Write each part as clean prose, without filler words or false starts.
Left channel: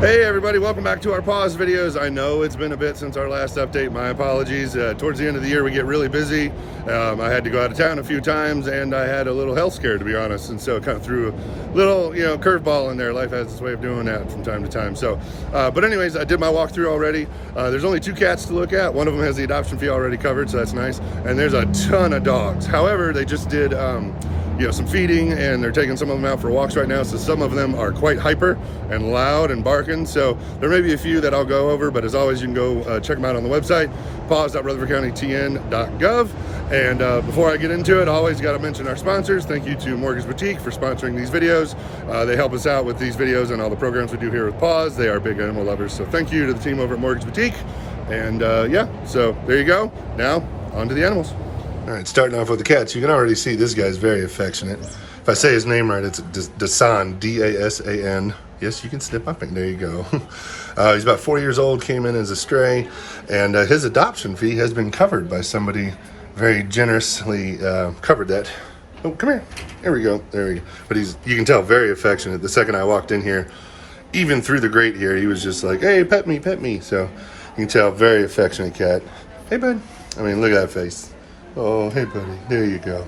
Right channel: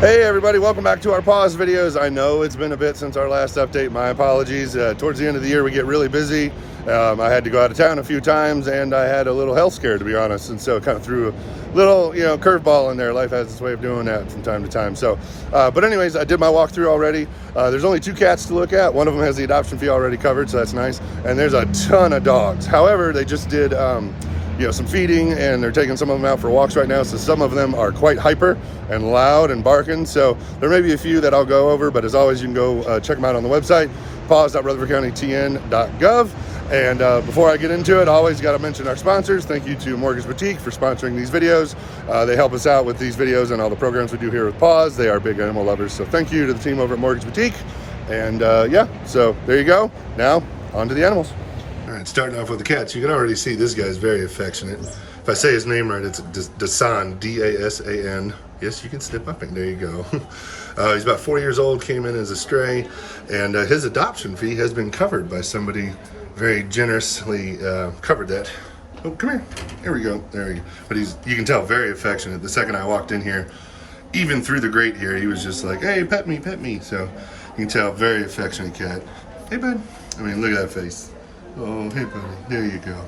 Hey everybody, welcome back to our PAWS videos. I know it's been a bit since our last update, my apologies. Towards the end of the year we get really busy. I had to go out of town a few times and I had a little health scare, to be honest, and so it kind of threw a little, curveball in there. Life has its way of doing that from time to time. So, but anyways, I did my walkthrough already. There's only 2 cats to look at. One of them has the adoption fee already covered, so that's nice. And there's a ton of dogs. However, they just did some feeding, and they're taking some of them out for walks right now, so some of them are quite hyper and loud and barking. So there may be a few that I'll go over, but as always, you can go check them out on the website, paws.rutherfordcountytn.gov. And before I get into it, I always got to mention our sponsors. Thank you to Mortgage Boutique for sponsoring these videos. They help us out with these videos and all the programs we do here with PAWS. They are big animal lovers, so thank you to the team over at Mortgage Boutique. And so there you go. Now on to the animals. All right, starting off with the cats, you can already see this guy's very affectionate. If I say his name right, it's Dasan, D-A-S-A-N. Yes, you can snip up and there you go. He's about 4 years old, came in as a stray, and his adoption fee has been covered by somebody very generously covered that. Oh, come here. There we go. There we go. But you can tell, very affectionate. The second I walked in here, even through the grate here, he was just like, hey, pet me, pet me. So you can tell, very affectionate cat. Hey, bud. I mean, look at that face. Oh, hey, buddy. There you go.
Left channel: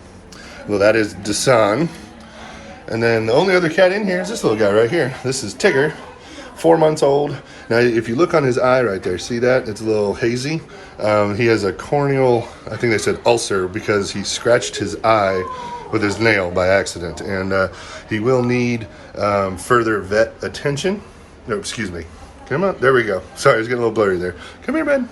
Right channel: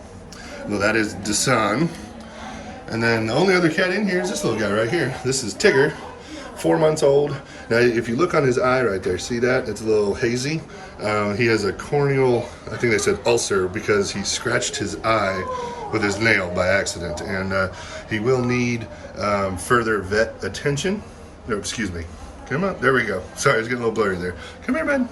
Well, that is Dasan. And then the only other cat in here is this little guy right here. This is Tigger, 4 months old. Now, if you look on his eye right there, see that? It's a little hazy. He has a corneal, I think they said ulcer, because he scratched his eye with his nail by accident. And he will need further vet attention. No, excuse me. Come on. There we go. Sorry, it's getting a little blurry there. Come here, bud.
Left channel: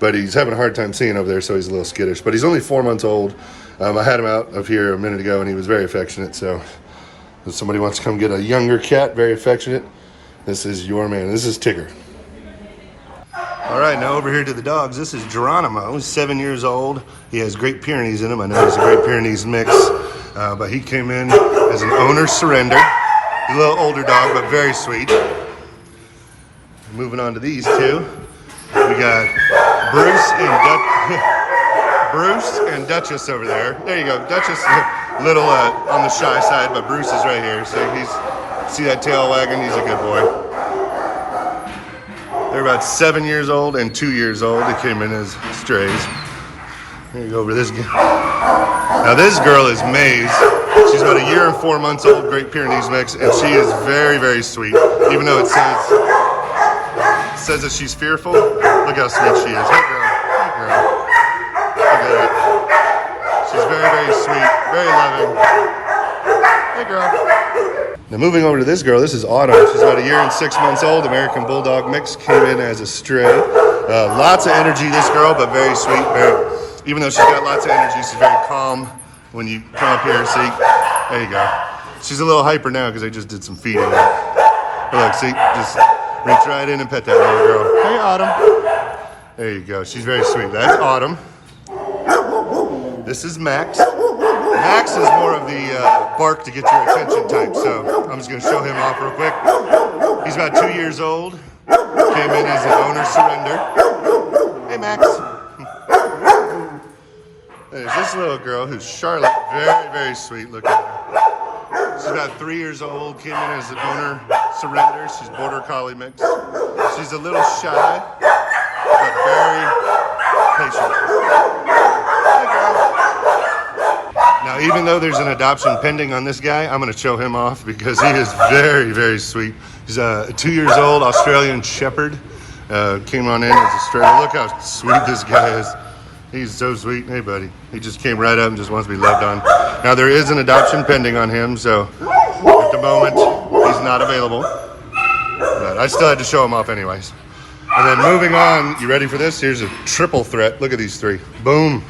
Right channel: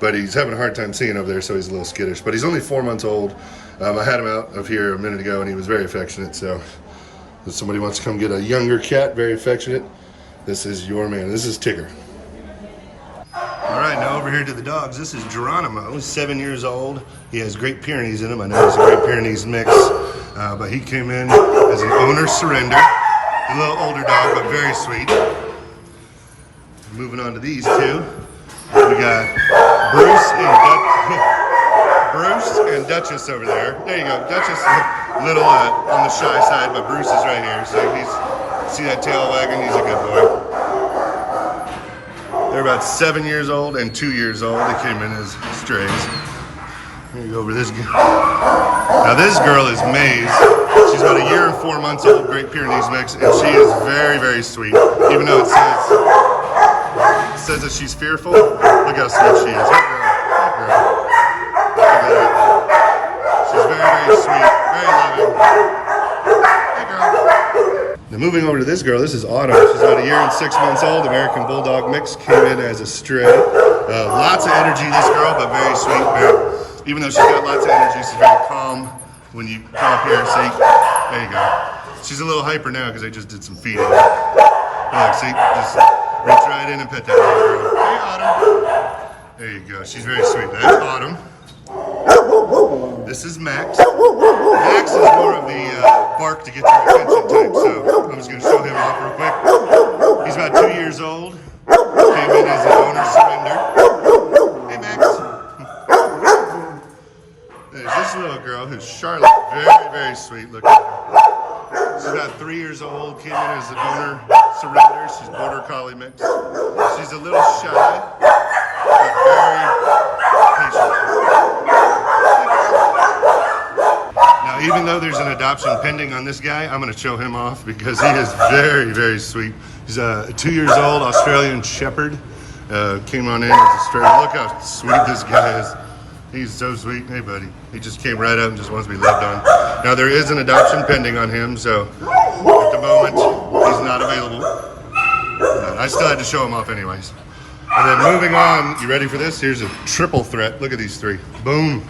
But he's having a hard time seeing over there, so he's a little skittish. But he's only 4 months old. I had him out of here a minute ago, and he was very affectionate. So if somebody wants to come get a younger cat, very affectionate, this is your man. This is Tigger. All right, now over here to the dogs. This is Geronimo. He's 7 years old. He has Great Pyrenees in him. I know he's a Great Pyrenees mix, but he came in as an owner surrender. He's a little older dog, but very sweet. Moving on to these two. We got Bruce and Duchess over there. There you go. Duchess is a little on the shy side, but Bruce is right here. So see that tail wagging? He's a good boy. They're about 7 years old and 2 years old. They came in as strays. Here you go over this girl. Now this girl is Maze. She's about 1 year and 4 months old, Great Pyrenees mix, and she is very, very sweet. Even though it says that she's fearful. Look how sweet she is. Hey girl. Hey girl. Look at that. She's very, very sweet. Very loving. Hey girl. Now moving over to this girl, this is Autumn. She's about 1 year and 6 months old, American Bulldog mix, came in as a stray. Lots of energy, this girl, but very sweet. Even though she's got lots of energy, she's very calm when you come up here. See, there you go. She's a little hyper now because I just did some feeding. Look, see, just reach right in and pet that little girl. Hey, Autumn. There you go. She's very sweet. That's Autumn. This is Max. Max is more of the bark to get your attention type, so I'm just going to show him off real quick. He's about 2 years old. Came in as an owner surrender. Hey, Max. There's this little girl who's Charlotte. Very, very sweet. Look at her. She's about 3 years old, came in as an owner surrender. She's border collie mix. She's a little shy, but very patient. Hey, girl. Now, even though there's an adoption pending on this guy, I'm going to show him off because he is very, very sweet. He's 2 years old, Australian Shepherd. Came on in as a stray. Look how sweet this guy is. He's so sweet. Hey, buddy. He just came right up and just wants to be loved on. Now, there is an adoption pending on him, so at the moment, he's not available. But I still had to show him off anyways. And then moving on, you ready for this? Here's a triple threat. Look at these 3. Boom.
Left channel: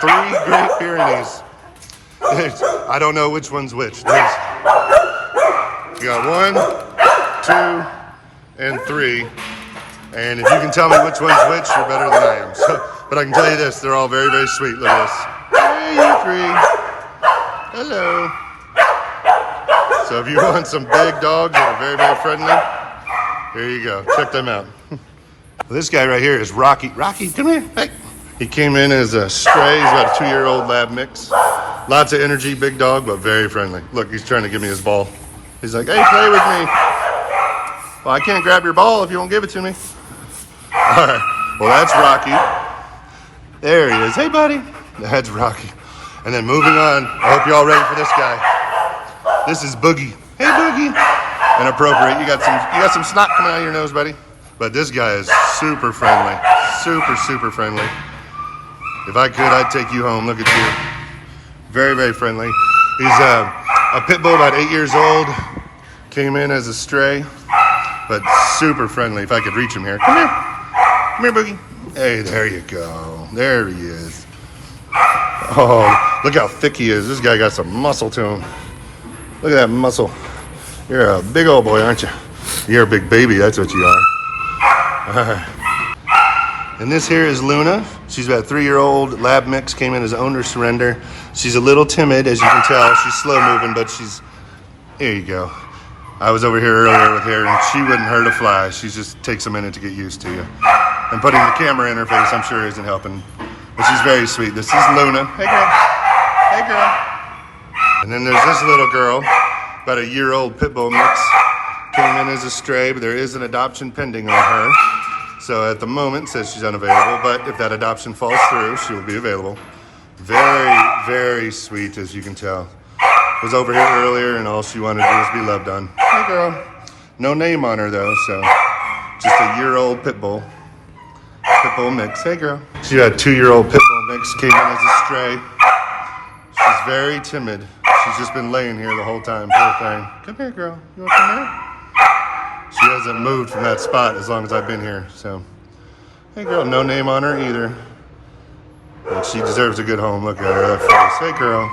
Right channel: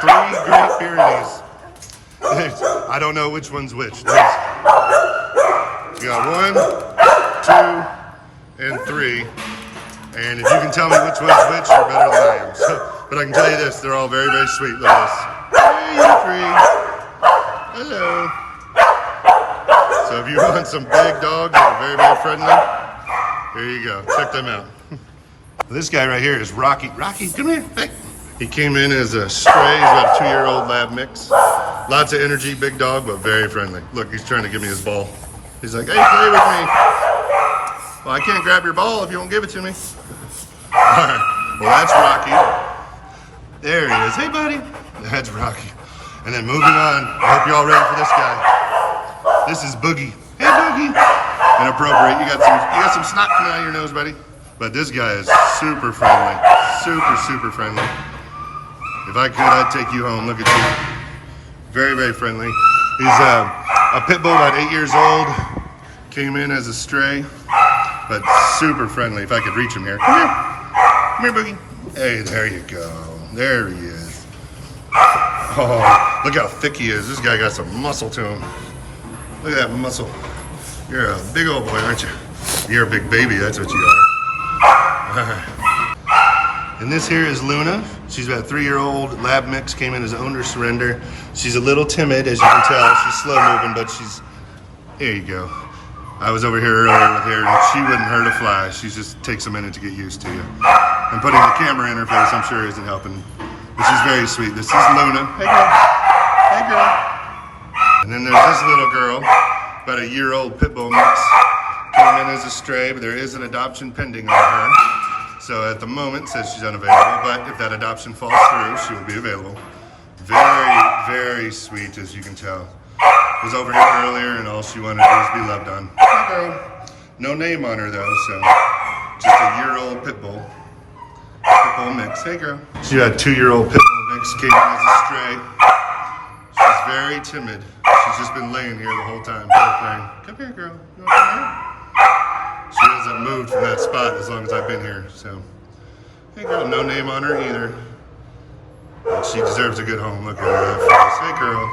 3 Great Pyrenees. I don't know which one's which. You got 1, 2, and 3. And if you can tell me which one's which, you're better than I am. So, but I can tell you this, they're all very, very sweet. Look at this. Hey, you 3. Hello. So if you want some big dogs that are very, very friendly, here you go. Check them out. This guy right here is Rocky. Rocky, come here. Hey. He came in as a stray. He's about a 2-year-old lab mix. Lots of energy, big dog, but very friendly. Look, he's trying to give me his ball. He's like, hey, play with me. Well, I can't grab your ball if you won't give it to me. All right. Well, that's Rocky. There he is. Hey, buddy. That's Rocky. And then moving on. I hope you're all ready for this guy. This is Boogie. Hey, Boogie. Inappropriate. You got some snot coming out of your nose, buddy. But this guy is super friendly. Super friendly. If I could, I'd take you home. Look at you. Very, very friendly. He's a pit bull, about 8 years old. Came in as a stray, but super friendly. If I could reach him here. Come here. Come here, Boogie. Hey, there you go. There he is. Oh, look how thick he is. This guy got some muscle to him. Look at that muscle. You're a big old boy, aren't you? You're a big baby. That's what you are. All right. And this here is Luna. She's about a 3-year-old lab mix, came in as owner surrender. She's a little timid, as you can tell. She's slow moving, but there you go. I was over here earlier with her, and she wouldn't hurt a fly. She just takes a minute to get used to you. And putting the camera in her face, I'm sure, isn't helping. But she's very sweet. This is Luna. Hey, girl. Hey, girl. And then there's this little girl, about a year-old pit bull mix. Came in as a stray, but there is an adoption pending on her. So at the moment, says she's unavailable, but if that adoption falls through, she will be available. Very, very sweet, as you can tell. Was over here earlier, and all she wanted to do was be loved on. Hey, girl. No name on her, though, so just a year-old pit bull mix. Hey, girl. She's got a 2-year-old pit bull mix, came in as a stray. She's very timid. She's just been laying here the whole time, poor thing. Come here, girl. You want to come here? She hasn't moved from that spot as long as I've been here, so. Hey, girl, no name on her either. But she deserves a good home. Look at her, that face. Hey, girl.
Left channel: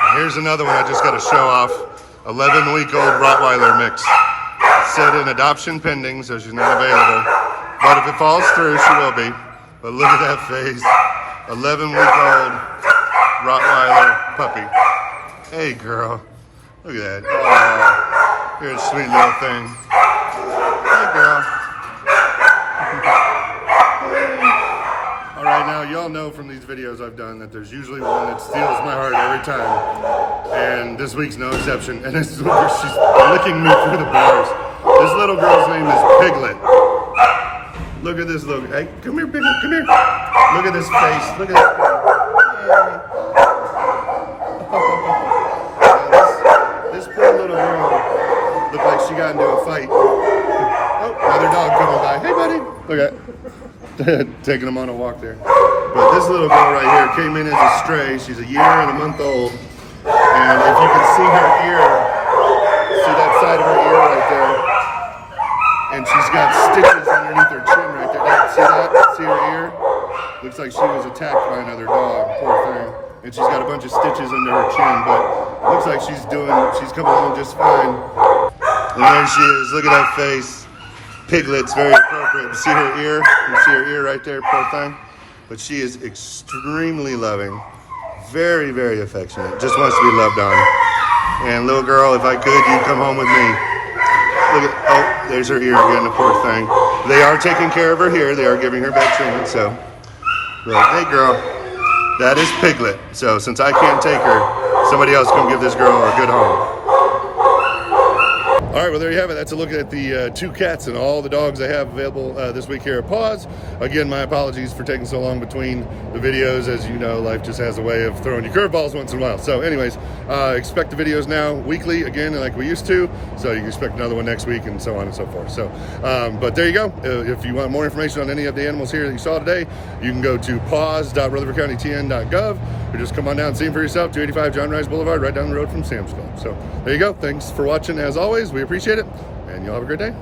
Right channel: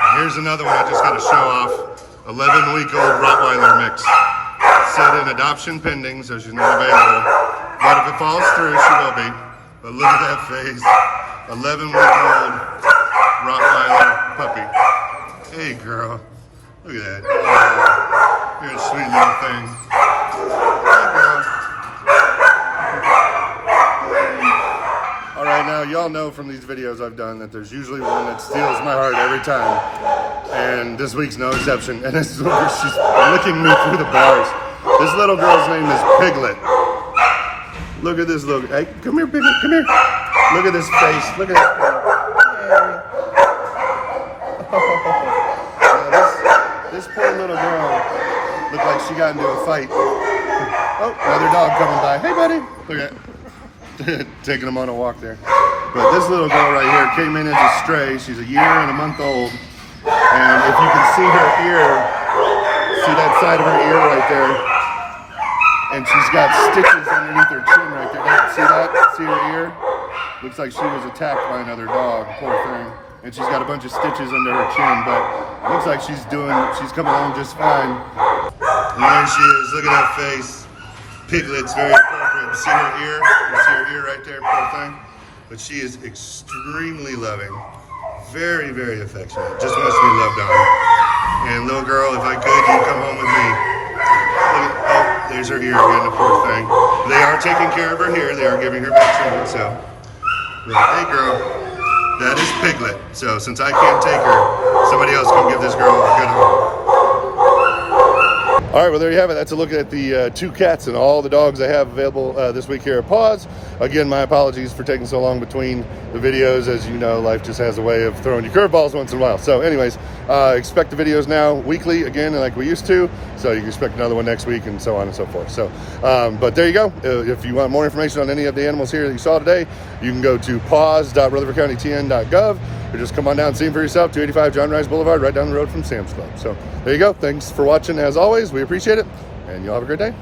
And here's another one I just got to show off. 11-week-old Rottweiler mix. Said in adoption pending, so she's not available. But if it falls through, she will be. But look at that face. 11-week-old Rottweiler puppy. Hey, girl. Look at that. Oh. You're a sweet little thing. Hey, girl. All right, now y'all know from these videos I've done that there's usually one that steals my heart every time. And this week's no exception. And she's licking me through the bars. This little girl's name is Piglet. Look at this little, hey, come here, Piglet, come here. Look at this face, look at this. This poor little girl looked like she got into a fight. Oh, another dog coming by. Hey, buddy. Look at taking him on a walk there. But this little girl right here came in as a stray. She's a year and a month old. And if you can see her ear, see that side of her ear right there. And she's got stitches underneath her chin right there. See that? See her ear? Looks like she was attacked by another dog. Poor thing. And she's got a bunch of stitches under her chin, but looks like she's coming along just fine. And there she is. Look at that face. Piglet's very appropriate. You see her ear? You see her ear right there, poor thing? But she is extremely loving. Very, very affectionate. Just wants to be loved on. And little girl, if I could, you'd come home with me. Look at, oh, there's her ear again, the poor thing. They are taking care of her here. They are giving her back treatment, so. But, hey, girl. That is Piglet. So since I can't take her, somebody else come give this girl a good home. All right, well, there you have it. That's a look at the 2 cats and all the dogs I have available this week here at PAWS. Again, my apologies for taking so long between the videos. As you know, life just has a way of throwing you curveballs once in a while. So anyways, expect the videos now weekly again, like we used to. So you can expect another one next week and so on and so forth. So, but there you go. If you want more information on any of the animals here that you saw today, you can go to paws.rutherfordcountytn.gov or just come on down and see them for yourself. 285 John Rice Blvd, right down the road from Sam's Club. So there you go. Thanks for watching as always. We appreciate it, and y'all have a great day.